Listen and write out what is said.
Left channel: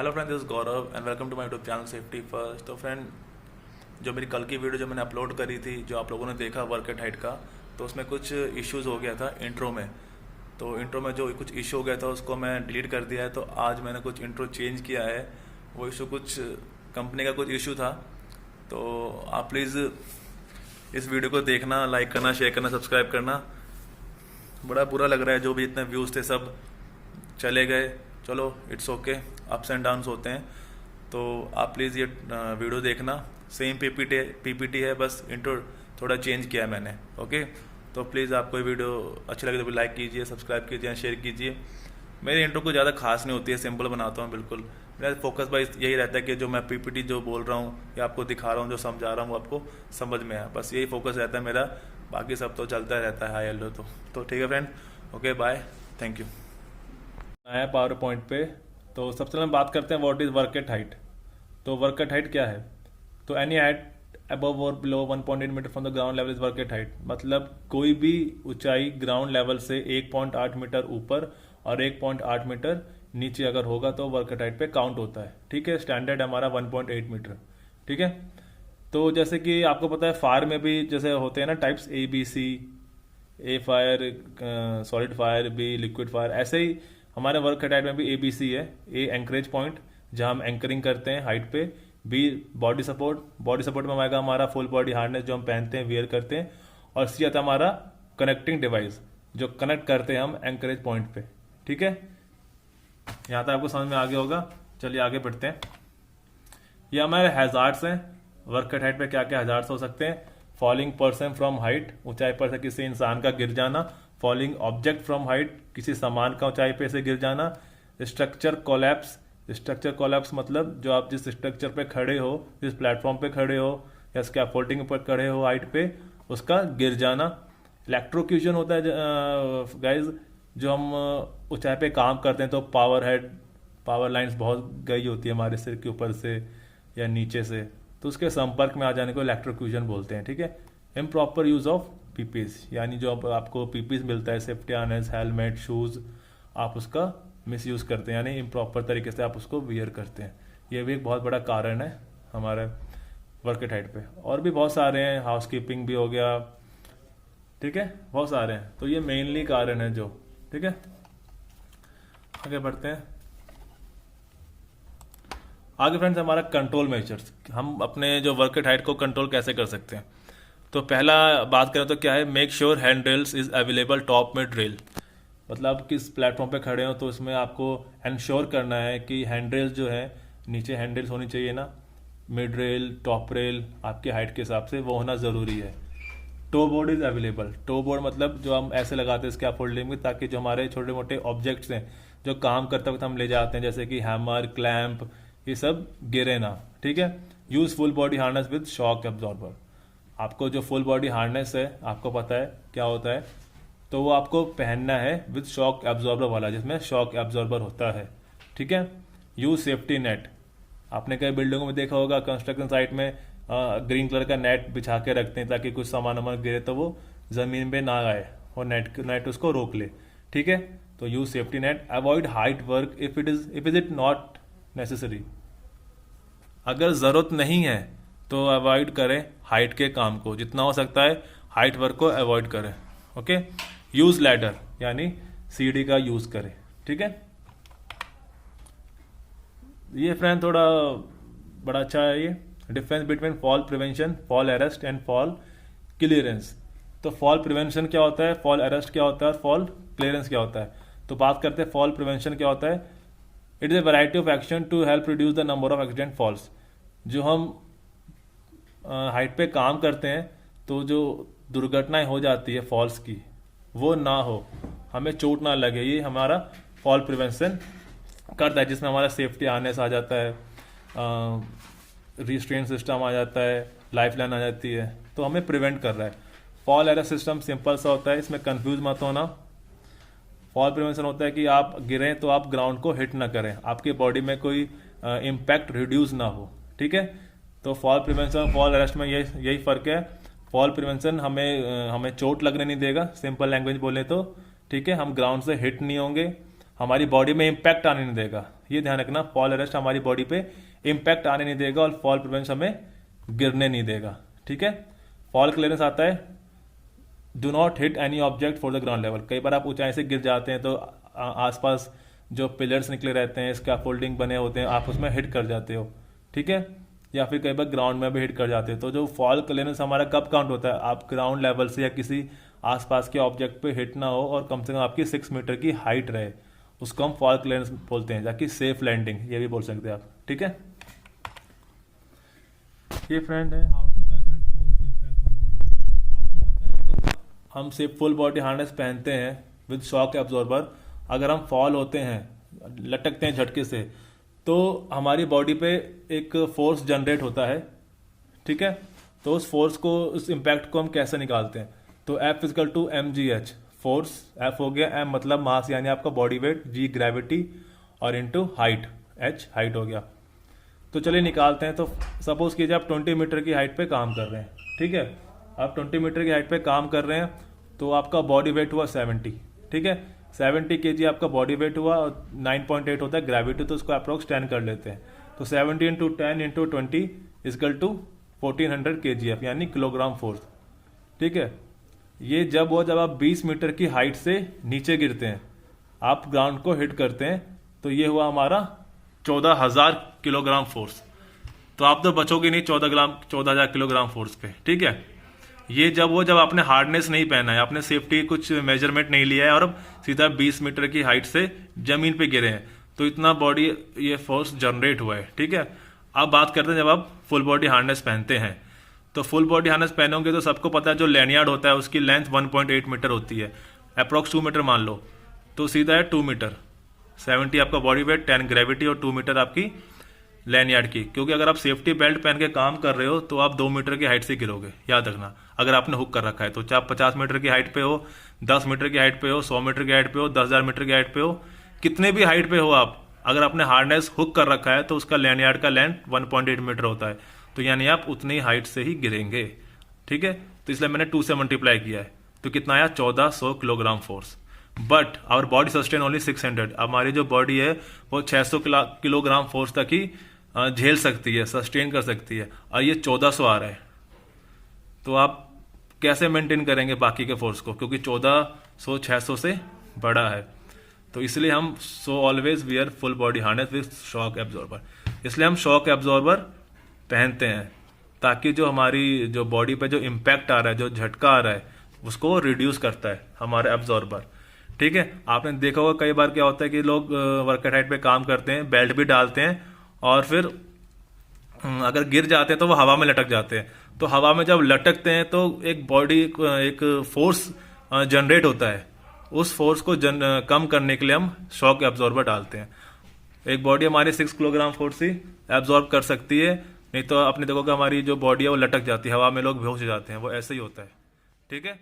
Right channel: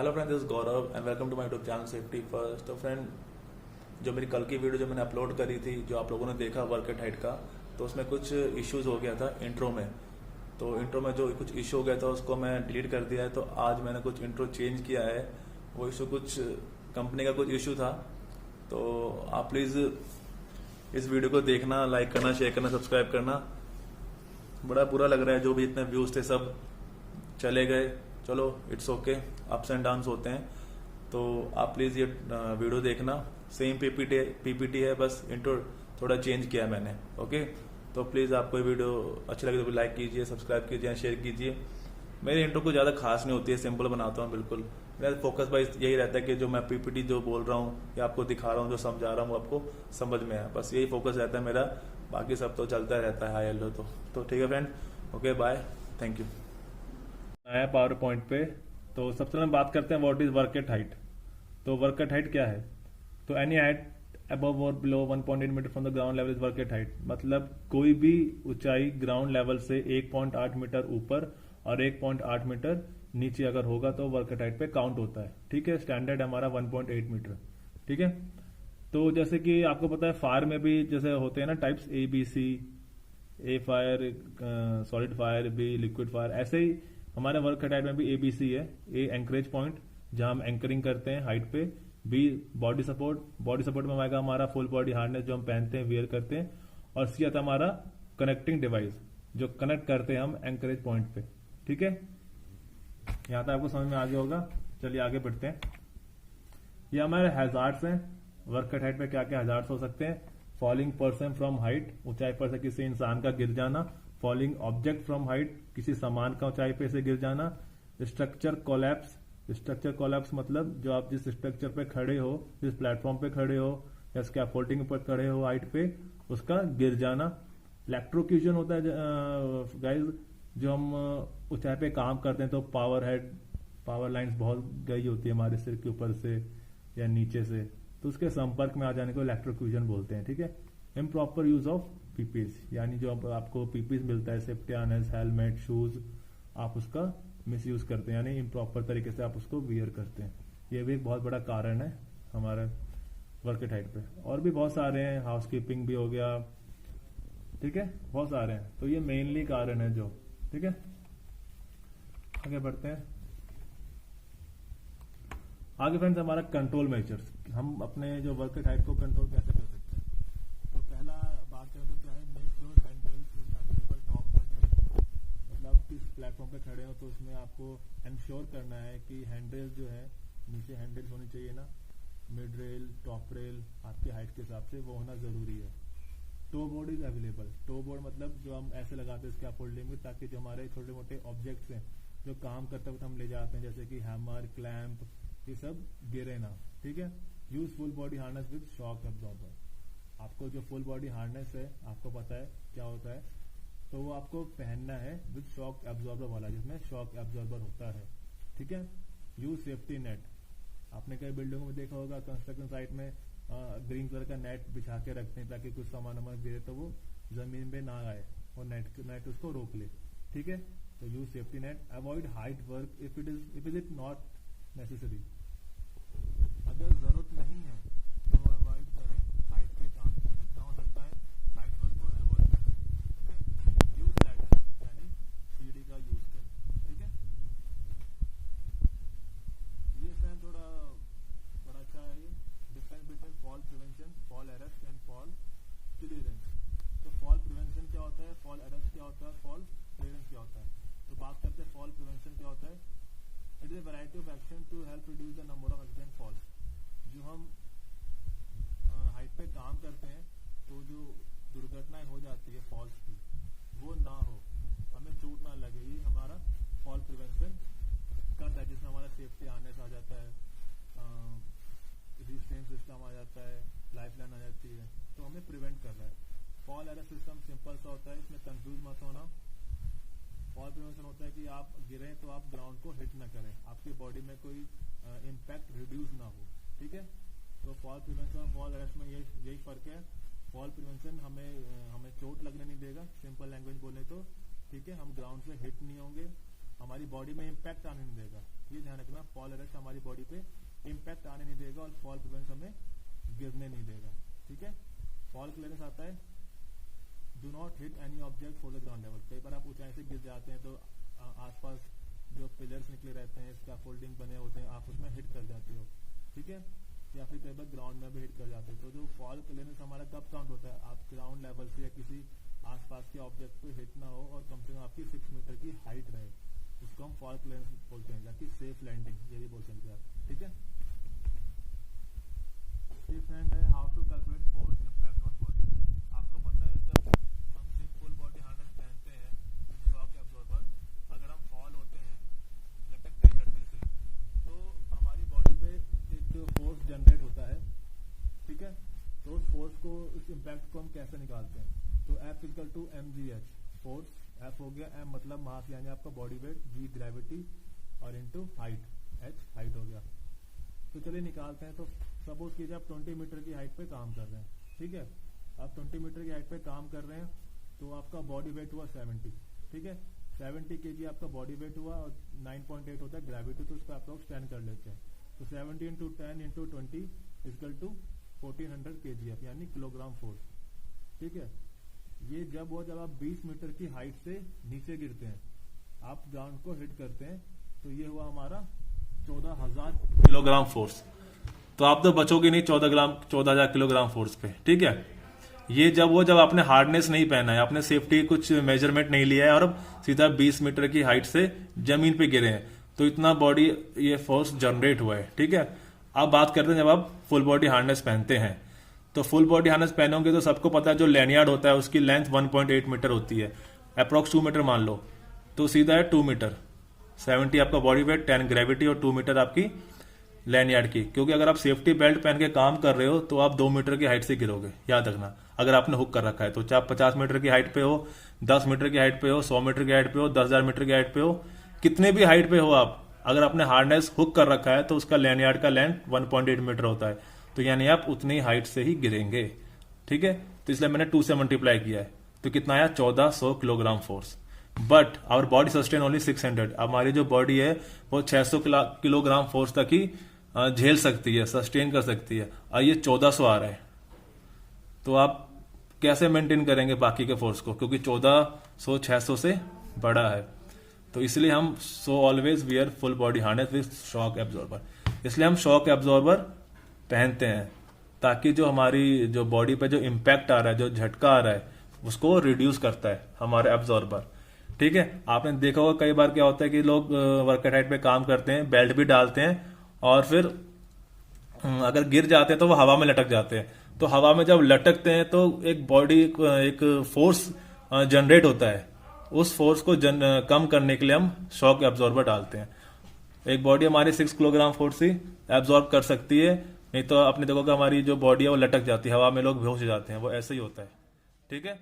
Hello friend, this Gaurav and welcome to my YouTube channel safety first. तो friend, जो मेरी कल की वीडियो जो मैंने अपलोड करी थी, जो आप लोगों ने देखा वर्क एट हाइट का, तो उसमें कुछ इश्यूज हो गया था इंट्रो में। तो इंट्रो में जो कुछ इशू हो गया था उसको मैं डिलीट कर दिया है। तो आज मैंने कुछ इंट्रो चेंज किया है। वो इशू कुछ कंपनी का कुछ इशू था। तो आप प्लीज़ इस वीडियो को देखना, लाइक करना, शेयर करना, सब्सक्राइब करना। बड़ा बुरा लग रहा है, जो भी इतने व्यूज़ थे सब चले गए। चलो, it's okay, ups and downs होते हैं। तो आप प्लीज़ ये वीडियो देखना। सेम पीपीटी है, बस इंट्रो थोड़ा चेंज किया है मैंने। ओके, तो प्लीज़ आपको ये वीडियो अच्छी लगे तो लाइक कीजिए, सब्सक्राइब कीजिए, शेयर कीजिए। मेरी इंट्रो को ज़्यादा खास नहीं होती है, सिंपल बनाता हूँ बिल्कुल। मेरा फोकस भाई यही रहता है कि जो मैं पीपीटी जो बोल रहा हूँ या आपको दिखा रहा हूँ, जो समझा रहा हूँ, वो आपको समझ में आए, बस यही फोकस रहता है मेरा। बाकी सब तो चलता रहता है, हाई हेलो। तो ठीक है friend, okay bye, thank you. है पावर पॉइंट पे। तो सबसे पहले हम बात करते हैं what is work at height. तो वर्क एट हाइट क्या है? तो एनी हाइट अबव और below 1.8 metre from the ground level is work at height. मतलब कोई भी ऊंचाई ग्राउंड लेवल से 1.8 मीटर ऊपर और 1.8 मीटर नीचे अगर होगा तो वर्क एट हाइट पे काउंट होता है। ठीक है, स्टैंडर्ड हमारा 1.8 मीटर। ठीक है, तो जैसे कि आपको पता है फायर में भी जैसे होते हैं ना types, ABC, A fire, solid fire, B liquid fire. ऐसे ही हमारे वर्क एट हाइट में भी ABC है। ए एंकरेज पॉइंट, जहाँ हम एंकरिंग करते हैं हाइट पे। B body support, body support में आएगा हमारा फुल बॉडी हार्नेस जो हम पहनते हैं, वियर करते हैं। और सी आता है हमारा कनेक्टिंग डिवाइस, जो कनेक्ट करते हैं हम एंकरेज पॉइंट पे। ठीक है, यहाँ तक आपको समझ में आ गया होगा। चलिए आगे बढ़ते हैं। ये हमारे हैजार्ड्स हैं। वर्क एट हाइट पे क्या क्या हैजार्ड्स हो सकते हैं? फॉलिंग पर्सन फ्रॉम हाइट, ऊंचाई पर से किसी इंसान का गिर जाना। फॉलिंग ऑब्जेक्ट फ्रॉम हाइट, किसी सामान का ऊंचाई पे से गिर जाना। स्ट्रक्चर कोलैप्स, स्ट्रक्चर कोलैप्स मतलब जो आप जिस स्ट्रक्चर पे खड़े हो, जिस प्लेटफॉर्म पे खड़े हो या स्कैफोल्डिंग पर खड़े हो हाइट पे, उसका गिर जाना। इलेक्ट्रोक्यूशन होता है गाइज, जो हम ऊंचाई पे काम करते हैं तो पावर हेड, पावर लाइंस बहुत गई होती है हमारे सिर के ऊपर से या नीचे से, तो उसके संपर्क में आ जाने को इलेक्ट्रोक्यूशन बोलते हैं। ठीक है, इम्प्रॉपर यूज ऑफ पीपीस, यानी जो आपको पीपीस मिलता है, सेफ्टी हार्नेस, हेलमेट, शूज, आप उसका मिस यूज करते हैं, यानी इम्प्रॉपर तरीके से आप उसको वियर करते हैं। ये भी एक बहुत बड़ा कारण है हमारे वर्क एट हाइट पे। और भी बहुत सारे हैं, हाउसकीपिंग भी हो गया। ठीक है, बहुत सारे हैं। तो ये मेनली कारण है जो। ठीक है, आगे बढ़ते हैं। आगे फ्रेंड्स, हमारा कंट्रोल मेजर्स, हम अपने जो वर्क एट हाइट को कंट्रोल कैसे कर सकते हैं। तो पहला बात करें तो क्या है, make sure hand rails is available top mid rail. मतलब किस प्लेटफॉर्म पे खड़े हो तो इसमें आपको इंश्योर करना है कि हैंड रेल्स जो है, नीचे हैंड रेल्स होनी चाहिए ना, मिड रेल, टॉप रेल, आपके हाइट के हिसाब से वो होना ज़रूरी है। Toe board is available. Toe board मतलब जो हम ऐसे लगाते हैं स्कैफोल्डिंग में, ताकि जो हमारे छोटे मोटे ऑब्जेक्ट्स हैं जो काम करते वक्त हम ले जाते हैं, जैसे कि हैमर, क्लैंप, ये सब गिरे ना। ठीक है, use full body harness with shock absorber. आपको जो फुल बॉडी हार्नेस है, आपको पता है क्या होता है, तो वो आपको पहनना है विद शॉक एब्जॉर्बर वाला, जिसमें शॉक एब्जॉर्बर होता है। ठीक है, यूज सेफ्टी नेट। आपने कई बिल्डिंगों में देखा होगा, कंस्ट्रक्शन साइट में ग्रीन कलर का नेट बिछा के रखते हैं ताकि कुछ सामान वामान गिरे तो वो जमीन पे ना आए और नेट उसको रोक ले। ठीक है, तो use safety net. Avoid height work if it not necessary. अगर ज़रूरत नहीं है तो अवॉइड करें हाइट के काम को, जितना हो सकता है हाइट वर्क को अवॉइड करें। ओके, यूज लैडर, यानी सीढ़ी का यूज करें। ठीक है, ये फ्रेंड थोड़ा बड़ा अच्छा है। ये difference between fall prevention, fall arrest and fall clearance. तो फॉल प्रिवेंशन क्या होता है, फॉल अरेस्ट क्या होता है, और फॉल क्लियरेंस क्या होता है। तो बात करते हैं फॉल प्रिवेंशन क्या होता है। It is a variety of action to help reduce the number of accident falls. जो हम हाइट पे काम करते हैं तो जो दुर्घटनाएं हो जाती है फॉल्स की, वो ना हो, हमें चोट ना लगे, ये हमारा फॉल प्रिवेंशन करता है। जिसमें हमारा सेफ्टी हार्नेस आ जाता है, रिस्ट्रेन सिस्टम आ जाता है, लाइफ लाइन आ जाती है, तो हमें प्रिवेंट कर रहा है। फॉल अरेस्ट सिस्टम सिंपल सा होता है, इसमें कंफ्यूज मत होना। फॉल प्रिवेंशन होता है कि आप गिरें तो आप ग्राउंड को हिट ना करें, आपके बॉडी में कोई इम्पैक्ट रिड्यूस ना हो। ठीक है, तो फॉल प्रिवेंशन फॉल अरेस्ट में यही फ़र्क है। फॉल प्रिवेंशन हमें चोट लगने नहीं देगा, सिंपल लैंग्वेज बोले तो। ठीक है, हम ग्राउंड से हिट नहीं होंगे, हमारी बॉडी में इम्पैक्ट आने नहीं देगा, ये ध्यान रखना, फॉल अरेस्ट हमारी बॉडी पे इम्पैक्ट आने नहीं देगा और फॉल प्रिवेंशन हमें गिरने नहीं देगा। ठीक है, फॉल क्लियरेंस आता है do not hit any object for the ground level. कई बार आप ऊंचाई से गिर जाते हैं तो आसपास जो पिलर्स निकले रहते हैं, स्कैफोल्डिंग बने होते हैं, आप उसमें हिट कर जाते हो। ठीक है, या फिर कई बार ग्राउंड में भी हिट कर जाते हैं। तो जो फॉल क्लियरेंस हमारा कब काउंट होता है, आप ग्राउंड लेवल से या किसी आसपास के ऑब्जेक्ट पे हिट ना हो और कम से कम आपकी 6 मीटर की हाइट रहे, उसको हम फॉल क्लियरेंस बोलते हैं, ताकि सेफ लैंडिंग ये भी बोल सकते हैं आप। ठीक है, ये फ्रेंड है how to calculate force impact on body. आपको पता है जब हम सिर्फ फुल बॉडी हार्नेस पहनते हैं विद शॉक एब्जॉर्बर, अगर हम फॉल होते हैं, लटकते हैं झटके से, तो हमारी बॉडी पे एक फोर्स जनरेट होता है। ठीक है, तो उस फोर्स को, उस इम्पैक्ट को हम कैसे निकालते हैं, तो F equal to mgh, force F हो गया, M मतलब मास यानी आपका बॉडी वेट, G ग्रेविटी और इनटू हाइट, H हाइट हो गया। तो चलिए निकालते हैं। तो सपोज कीजिए आप 20 मीटर की हाइट पे काम कर रहे हैं। ठीक है, आप 20 मीटर की हाइट पे काम कर रहे हैं तो आपका बॉडी वेट हुआ 70। ठीक है, 70 kg आपका बॉडी वेट हुआ और 9.8 होता है ग्रेविटी, तो उसको अप्रोक्स 10 कर लेते हैं। तो 70 into 10 into 20 equal to 1400 kgf यानी किलोग्राम फोर्स। ठीक है, ये जब आप 20 मीटर की हाइट से नीचे गिरते हैं, आप ग्राउंड को हिट करते हैं, तो ये हुआ हमारा 14,000 किलोग्राम फोर्स। तो आप तो बचोगे नहीं 14,000 किलोग्राम फोर्स पे। ठीक है, ये जब आपने हार्डनेस नहीं पहना है, आपने सेफ्टी कुछ मेजरमेंट नहीं लिया है और अब सीधा 20 मीटर की हाइट से जमीन पे गिरे हैं, तो इतना बॉडी ये फोर्स जनरेट हुआ है। ठीक है, अब बात करते हैं जब आप फुल बॉडी हार्नेस पहनते हैं। तो फुल बॉडी हार्नेस पहनोगे तो सबको पता है जो लैनियार्ड होता है उसकी लेंथ 1.8 मीटर होती है, अप्रोक्स 2 मीटर मान लो, तो सीधा है 2 मीटर। 70 आपका बॉडी वेट, 10 ग्रेविटी और 2 मीटर आपकी लैनियार्ड की। क्योंकि अगर आप सेफ्टी बेल्ट पहन के काम कर रहे हो तो आप 2 मीटर की हाइट से गिरोगे, याद रखना। अगर आपने हुक कर रखा है तो चाहे आप 50 मीटर की हाइट पे हो, 10 मीटर की हाइट पे हो, 100 मीटर की हाइट पे हो, 10,000 मीटर की हाइट पे हो, कितने भी हाइट पे हो आप, अगर आपने हार्डनेस हुक कर रखा है तो उसका लैनियार्ड का लेंथ 1.8 मीटर होता है, तो यानी आप उतनी हाइट से ही गिरेंगे। ठीक है, तो इसलिए मैंने 2 से मल्टीप्लाई किया है, तो कितना आया 1400 kilogram force. But our body sustain only 600। हमारी जो बॉडी है वो 600 किलोग्राम फोर्स तक ही झेल सकती है, सस्टेन कर सकती है, और ये 1400 आ रहा है। तो आप कैसे मेंटेन करेंगे बाकी के फोर्स को, क्योंकि 1400 600 से बड़ा है। तो इसलिए हम always wear full body harness with shock absorber. इसलिए हम शॉक एब्जॉर्बर पहनते हैं ताकि जो हमारी जो बॉडी पे जो इम्पैक्ट आ रहा है, जो झटका आ रहा है, उसको रिड्यूस करता है हमारा एब्जॉर्बर। ठीक है, आपने देखा होगा कई बार क्या होता है कि लोग वर्कआउट हाइट पे काम करते हैं, बेल्ट भी डालते हैं और फिर अगर गिर जाते हैं तो वो हवा में लटक जाते हैं। तो हवा में जब लटकते हैं तो एक फोर्स जनरेट होता है, उस फोर्स को कम करने के लिए हम शॉक एब्जॉर्बर डालते हैं। एक बॉडी हमारी 6 किलोग्राम फोर्स ही एब्जॉर्ब कर सकती है, नहीं तो आपने देखोगे हमारी जो बॉडी है वो लटक जाती है, हवा में लोग बेहोश हो जाते हैं, वो ऐसे ही होता है। ठीक है।